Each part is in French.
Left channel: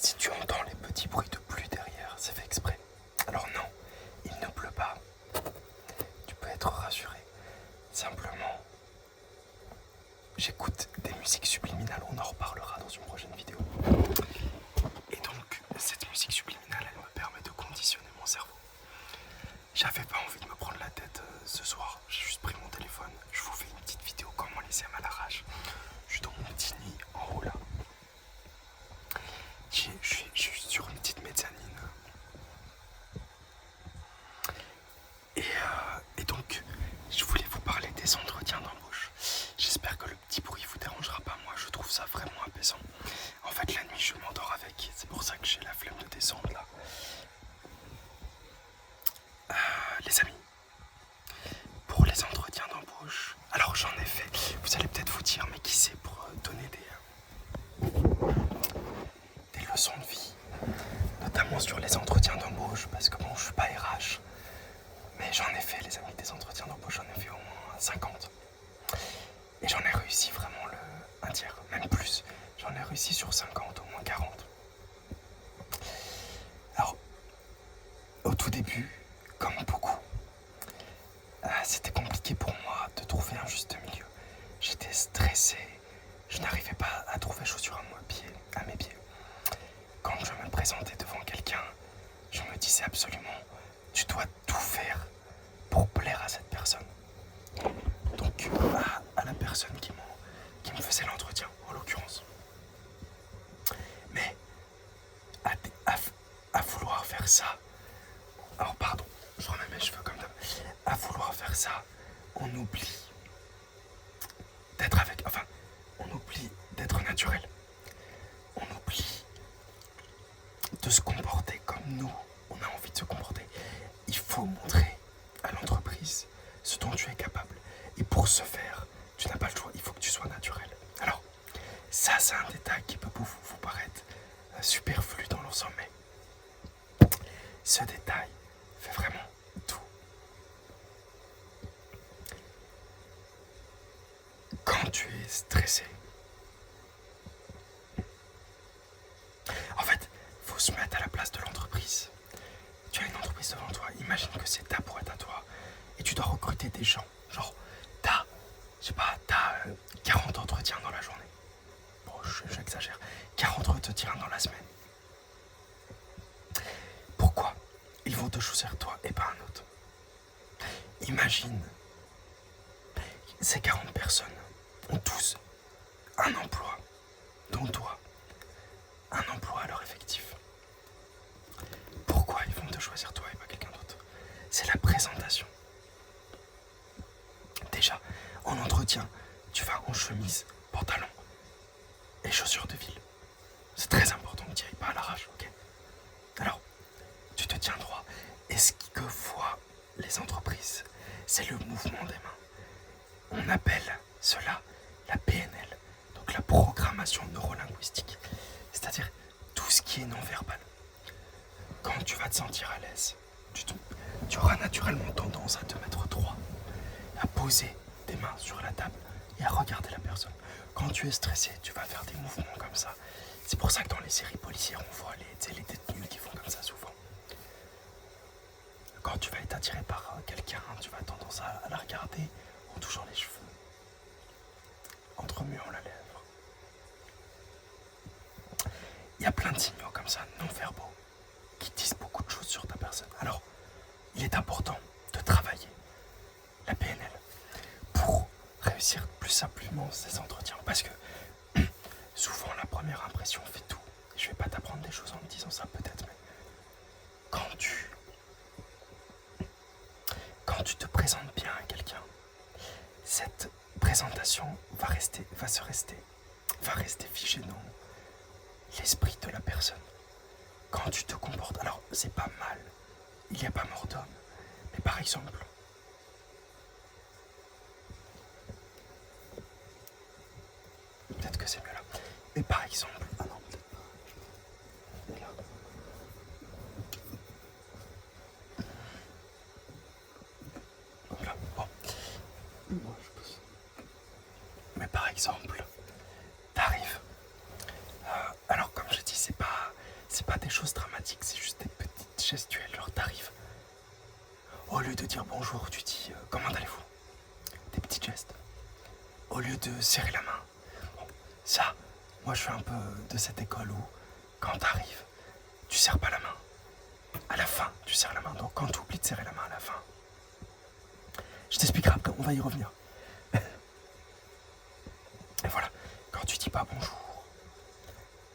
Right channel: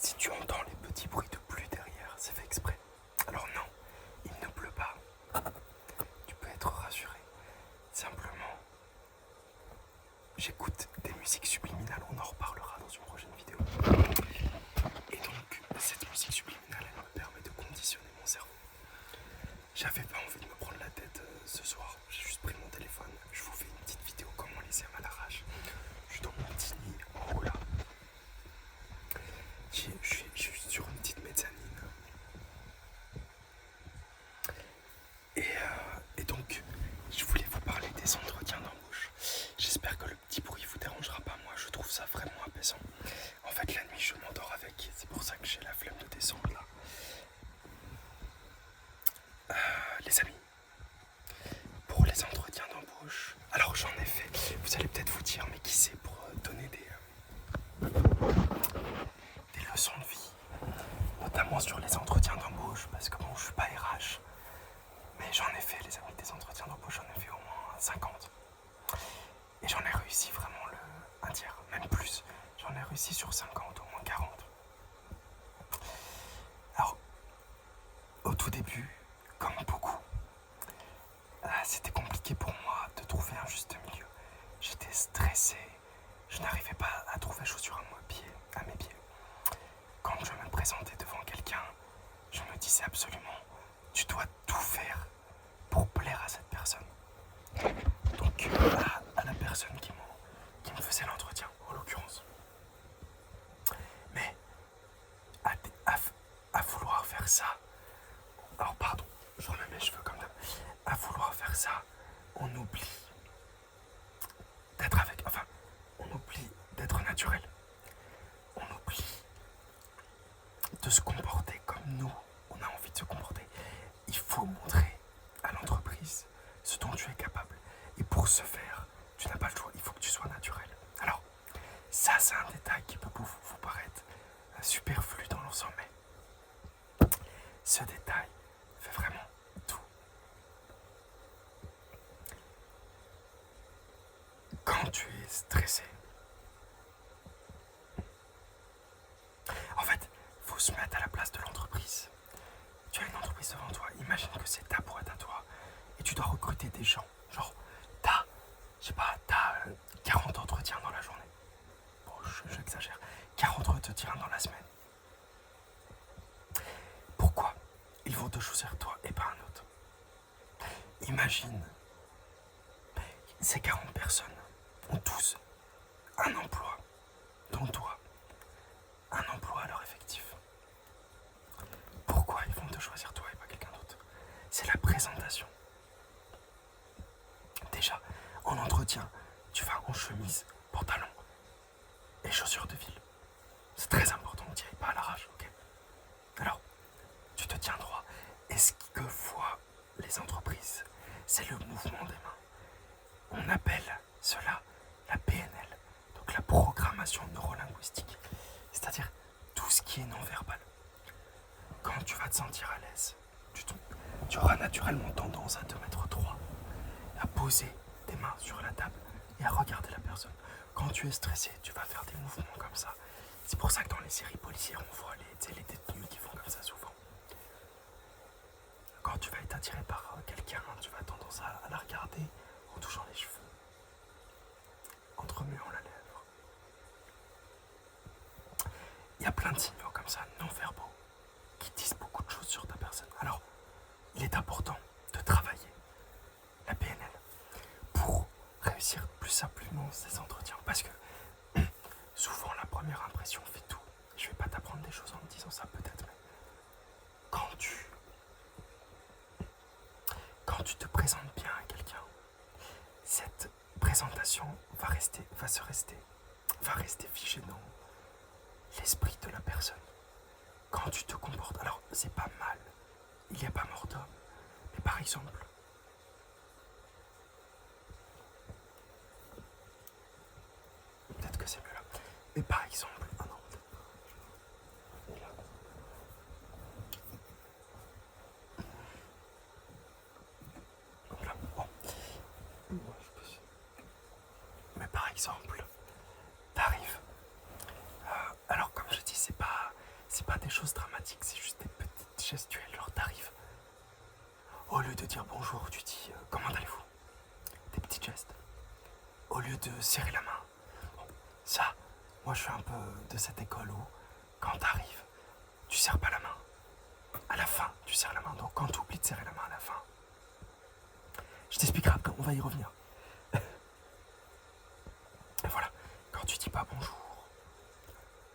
Si tu entends les petits bruits de pluie derrière, c'est fait exprès. Alors non, il ne pleut pas. Tu peux être rassuré. Simplement, j'écoute des musiques subliminales, on en reparlera dans une prochaine vidéo. Et donc, cette musique subliminale, elle me permet de conditionner mon cerveau. J'avais pas envie de me prendre la tête ce soir, j'ai juste pris mon téléphone, je vous fais une petite vidéo comment les aime à l'arrache. Je suis dans mon petit nid en haut là. Je suis sur une petite mezzanine. Et donc, je voulais vous parler des entretiens d'embauche. J'espère que le petit bruit vous dérangera pas, moi je trouve ça vraiment apaisant. En fait, la nuit je m'endors avec, c'est pour ça que j'ai la flemme de descendre là. Les amis, pour les entretiens d'embauche, alors j'en ai fait, vous allez peut-être vous dire, mais qui c'est pour donner des leçons de vie, notamment sur les entretiens d'embauche, parce que bon, je suis pas RH, mais j'en ai fait les amis des entretiens d'embauche, j'en ai fait au moins 50. Et j'en ai réussi vraiment un tiers, même plus. J'en ai réussi sur 50, au moins 40. Alors, au tout début, comme beaucoup, c'était compliqué pour moi de trouver un juste milieu. J'étais stressé, je n'arrivais pas à trouver chaussures à mes pieds. Quand je me présentais devant quelqu'un, je me disais absolument, tu dois tout faire pour plaire à cette personne. Donc, à la personne qui me faisait l'entretien, en l'occurrence. Mais à vouloir faire ça, alors pardon, je remets mes cheveux comme d'hab, à vouloir faire ça, on oublie on oublie d'être naturel. On oublie de se comporter comme nous, on a envie de se comporter. Il faut montrer à l'entreprise ce dont tu es capable. Et pour ce faire, tu n'as pas le choix, il faut que tu sois naturel. Alors, ça c'est un détail qui peut vous paraître superflu dans l'ensemble, mais ce détail fait vraiment tout. Quand tu es stressé, en fait, il faut se mettre à la place de l'entreprise. Tu as une entreprise devant toi, imagine que c'est ta boîte à toi, et tu dois recruter des gens. Genre, t'as 40 entretiens dans la journée. Bon, j'exagère. 40 entretiens dans la semaine. Pourquoi ils vont te choisir toi et pas un autre? Imagine, ces 40 personnes ont tous un emploi, dont toi, un emploi à leur effectif. Pourquoi ils vont te choisir toi et pas quelqu'un d'autre? C'est la présentation. Déjà, en entretien, tu vas en chemise, pantalon et chaussures de ville. C'est très important, ne tire pas à l'arrache, ok? Alors, tu te tiens droit. Et ce que voient les entreprises, c'est le mouvement des mains. On appelle cela la PNL, donc la programmation neurolinguistique. C'est-à-dire tout ce qui est non-verbal. Quand tu vas te sentir à l'aise, tu auras naturellement tendance à te mettre droit, à poser tes mains sur la table et à regarder la personne. Quand tu es stressé, tu vas faire des mouvements comme ça. C'est pour ça que dans les séries policières, on voit les détenus qui font comme ça souvent. Quand tu vas être attiré par quelqu'un, tu vas avoir tendance à la regarder en touchant les cheveux, en remuant la lèvre. Il y a plein de signaux comme ça, non-verbaux, qui disent beaucoup de choses sur ta personne. Alors, il est important de travailler la PNL pour réussir plus simplement ces entretiens. Parce que souvent, la première impression fait tout. Je vais pas t'apprendre des choses en me disant ça peut-être, mais quand tu te présentes bien à quelqu'un, cette présentation va rester figée dans l'esprit de la personne. Quand tu te comportes, alors c'est pas mal, il n'y a pas mort d'homme, mais par exemple, peut-être que c'est mieux là, mais par exemple, ah non, peut-être pas, là, bon, mais par exemple, t'arrives, alors comme je dis, c'est pas c'est pas des choses dramatiques, c'est juste des petites gestuelles. Genre, t'arrives. Au lieu de dire bonjour, tu dis comment allez-vous? Des petits gestes. Au lieu de serrer la main. Bon, ça, moi je suis un peu de cette école où, quand t'arrives, tu serres pas la main. À la fin, tu serres la main. Donc quand tu oublies de serrer la main à la fin, je t'expliquerai après, on va y revenir. Et voilà, quand tu dis pas bonjour,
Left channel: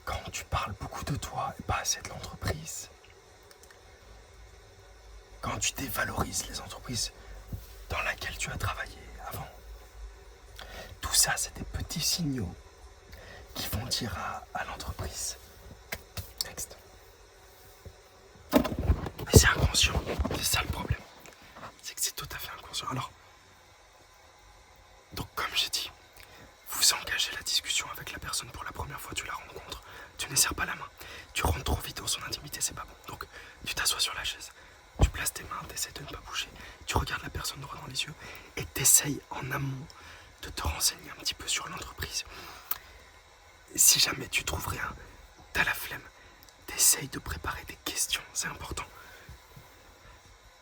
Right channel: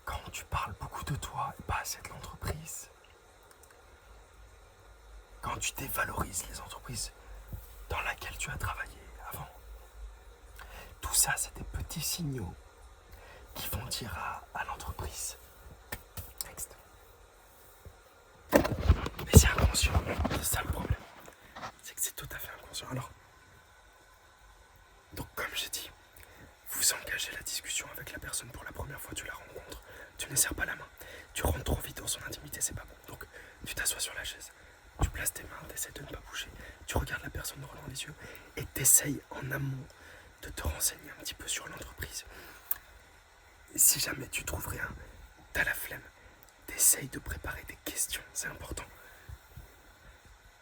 quand tu parles beaucoup de toi et pas assez de l'entreprise, quand tu dévalorises les entreprises dans lesquelles tu as travaillé avant, tout ça, c'est des petits signaux qui vont dire à l'entreprise, next. Mais c'est inconscient, c'est ça le problème. C'est que c'est tout à fait inconscient. Alors, donc comme j'ai dit, vous engagez la discussion avec la personne pour la première fois, tu la rencontres, tu ne serres pas la main, tu rentres trop vite dans son intimité, c'est pas bon. Donc tu t'assois sur la chaise, tu places tes mains, t'essaies de ne pas bouger, tu regardes la personne droit dans les yeux et t'essayes en amont de te renseigner un petit peu sur l'entreprise. Si jamais tu trouves rien, t'as la flemme, t'essayes de préparer des questions, c'est important.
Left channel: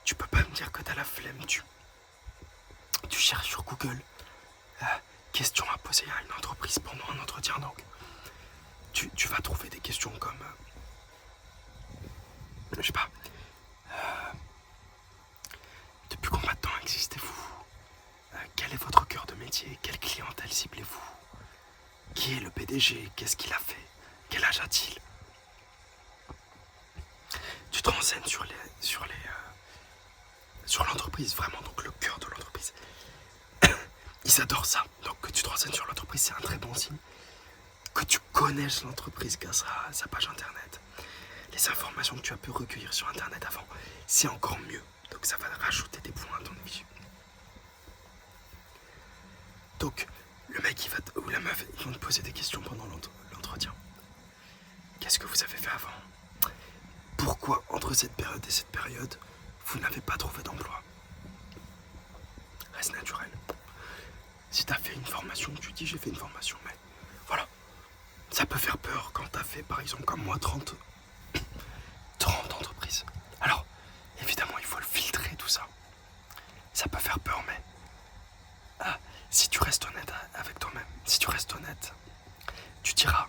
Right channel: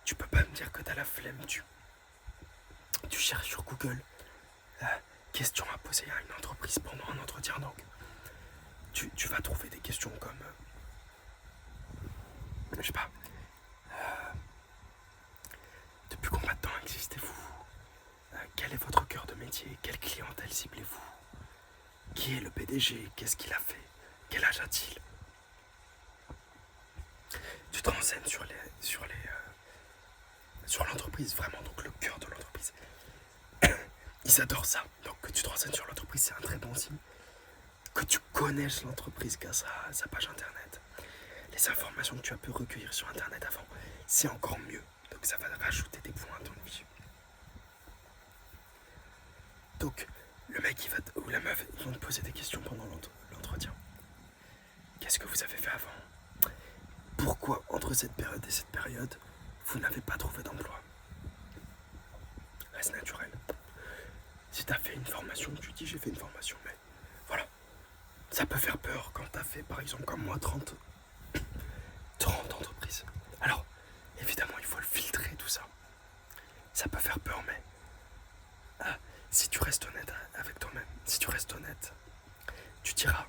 Tu peux pas me dire que t'as la flemme, tu cherches sur Google questions à poser à une entreprise pendant un entretien. Donc tu vas trouver des questions comme je sais pas, depuis combien de temps existez-vous, quel est votre cœur de métier, quelle clientèle ciblez-vous, qui est le PDG, qu'est-ce qu'il a fait, quel âge a-t-il. Tu te renseignes sur l'entreprise, vraiment, donc le cœur de l'entreprise. Ils adorent ça. Donc que tu te renseignes sur l'entreprise, c'est un très bon signe. Que tu connaisses l'entreprise grâce à sa page internet. Les informations que tu as pu recueillir sur internet avant, c'est encore mieux. Donc ça va rajouter des points à ton vie. Donc le mec ou la meuf, ils vont te poser des questions pendant l'entretien. Qu'est-ce que vous avez fait avant? Pourquoi entre cette période et cette période, vous n'avez pas trouvé d'emploi? Reste naturel. Si t'as fait une formation, tu dis j'ai fait une formation, mais voilà. Ça peut faire peur quand t'as fait, par exemple, comme moi, 30 entreprises. Alors, évidemment, il faut le filtrer, tout ça. Ça peut faire peur, mais si tu restes honnête avec toi-même, si tu restes honnête, tu diras,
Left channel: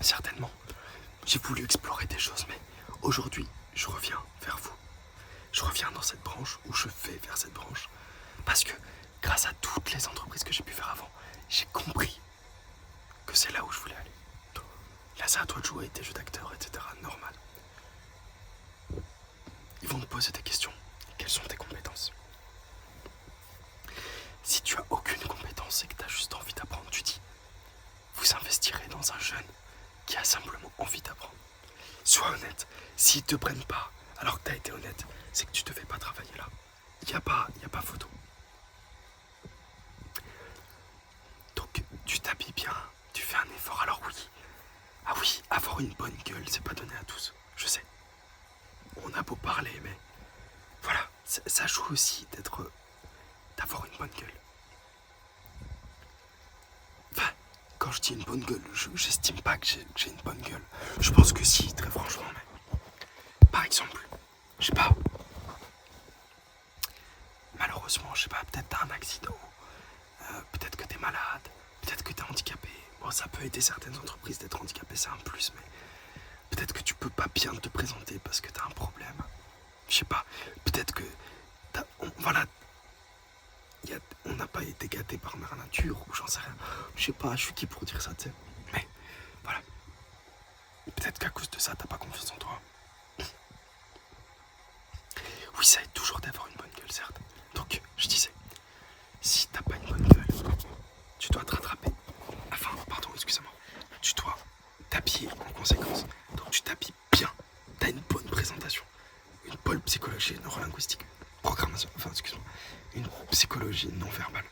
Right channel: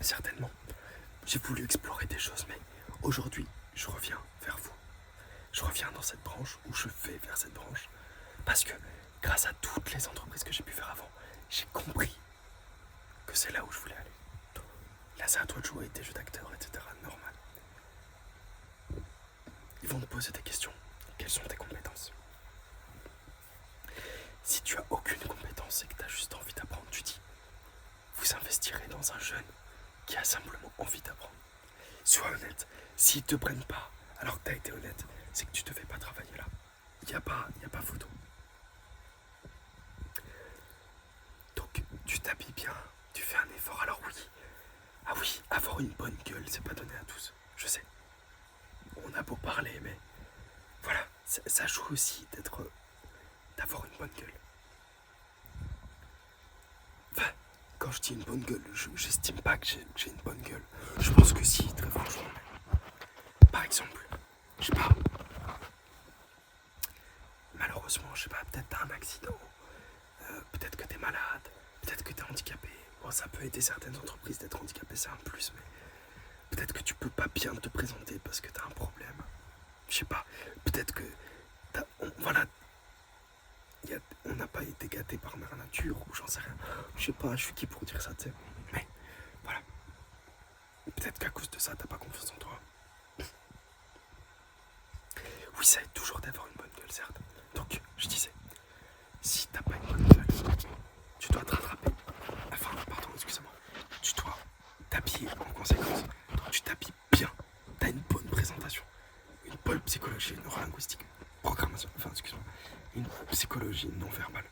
certainement, j'ai voulu explorer des choses, mais aujourd'hui, je reviens vers vous. Je reviens dans cette branche, ou je vais vers cette branche, parce que grâce à toutes les entreprises que j'ai pu faire avant, j'ai compris que c'est là où je voulais aller. Là, c'est à toi de jouer tes jeux d'acteur, etc. Normal. Ils vont te poser des questions. Quelles sont tes compétences? Si tu as aucune compétence et que tu as juste envie d'apprendre, tu dis, vous investirez dans un jeune qui a simplement envie d'apprendre. Sois honnête. S'ils te prennent pas, alors que tu as été honnête, c'est que tu devais pas travailler là. Il n'y a pas photo. Donc, tu t'habilles bien, tu fais un effort. Alors oui, avoir une bonne gueule, c'est pas donné à tous. Je sais. On a beau parler, mais voilà, ça joue aussi d'avoir une bonne gueule. Enfin, quand je dis une bonne gueule, j'estime pas que j'ai une bonne gueule. Je pense que si, très franchement. Mais, par exemple, je sais pas. Malheureusement, je sais pas, peut-être t'as un accident, peut-être que t'es malade, peut-être que t'es handicapé. Bon, ça peut aider certaines entreprises d'être handicapé, c'est un plus, mais peut-être que tu peux pas bien te présenter parce que t'as un problème. Je sais pas, peut-être que on n'a pas été gâté par mère nature, ou j'en sais rien. Je sais pas, je suis qui pour dire ça, tu sais. Mais voilà. Peut-être qu'à cause de ça, t'as pas confiance en toi. Oui, ça aide toujours d'avoir une bonne gueule, certes. Donc, je disais, si t'as pas une bonne gueule, tu dois te rattraper. Enfin, pardon, excusez-moi. Tu dois t'habiller en conséquence. Donc, tu t'habilles bien. T'as une bonne présentation. Une bonne psychologie neurolinguistique. Programmation, enfin, excuse-moi. Une psychologie non verbale.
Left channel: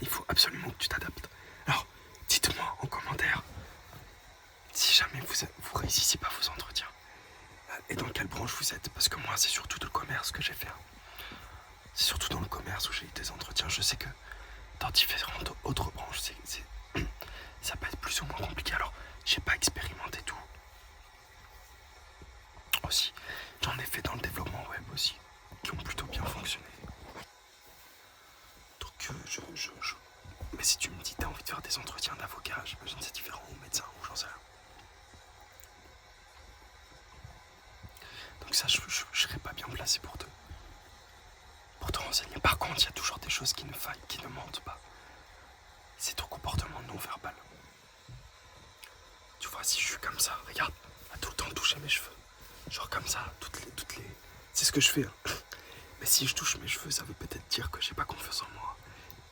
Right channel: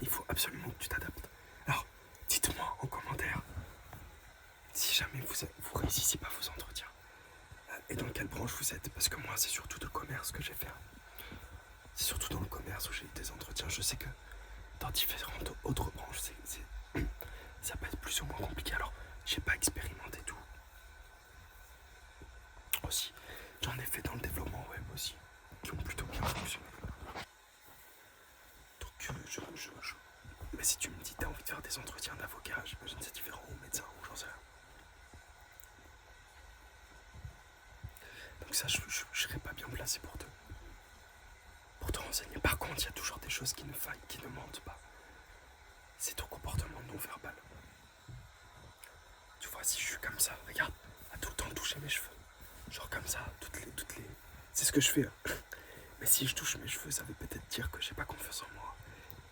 Il faut absolument que tu t'adaptes. Alors, dites-moi en commentaire si jamais vous réussissez pas vos entretiens. Et dans quelle branche vous êtes? Parce que moi, c'est surtout le commerce que j'ai fait. C'est surtout dans le commerce où j'ai eu des entretiens. Je sais que dans différentes autres branches, ça peut être plus ou moins compliqué. Alors, j'ai pas expérimenté tout. Aussi, j'en ai fait dans le développement web aussi, qui ont plutôt bien fonctionné. Donc mais si tu me dis t'as envie de faire des entretiens d'avocat, j'imagine c'est différent, ou médecin, ou j'en sais rien. Donc ça, je serais pas bien placé pour te renseigner. Par contre, il y a toujours des choses qui ne mentent pas. C'est ton comportement non verbal. Tu vois, si je suis comme ça, regarde, à tout le temps toucher mes cheveux. Genre comme ça, toutes les... C'est ce que je fais. Hein. Mais si je touche mes cheveux, ça veut peut-être dire que j'ai pas confiance en moi.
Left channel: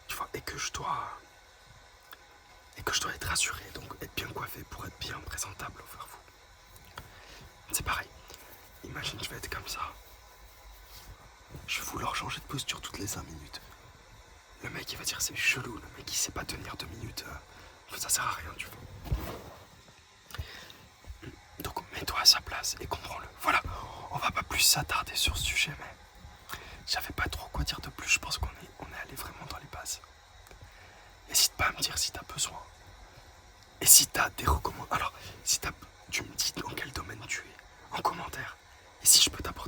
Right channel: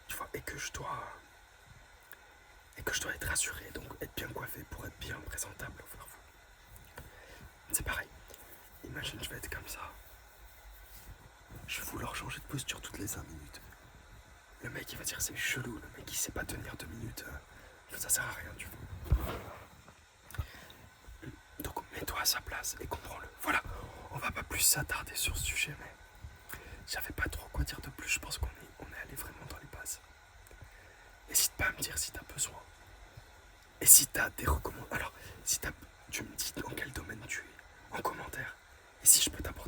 Tu vois, et que je dois être rassuré, donc être bien coiffé pour être bien présentable envers vous. C'est pareil. Imagine, je vais être comme ça. Je vais vouloir changer de posture toutes les 5 minutes. Le mec, il va dire c'est chelou, le mec, il sait pas tenir 2 minutes. Ça sert à rien, tu vois. Donc, mets-toi à sa place et comprends-le. Voilà, on va pas plus s'attarder sur ce sujet, mais j'avais pas trop quoi dire de plus. Je pense qu'on est allé vraiment dans les bases. N'hésite pas à me dire si t'as besoin. Et si t'as des recommandations. Alors, si tu me dis dans quel domaine tu es, en commentaire. Et si je peux t'apporter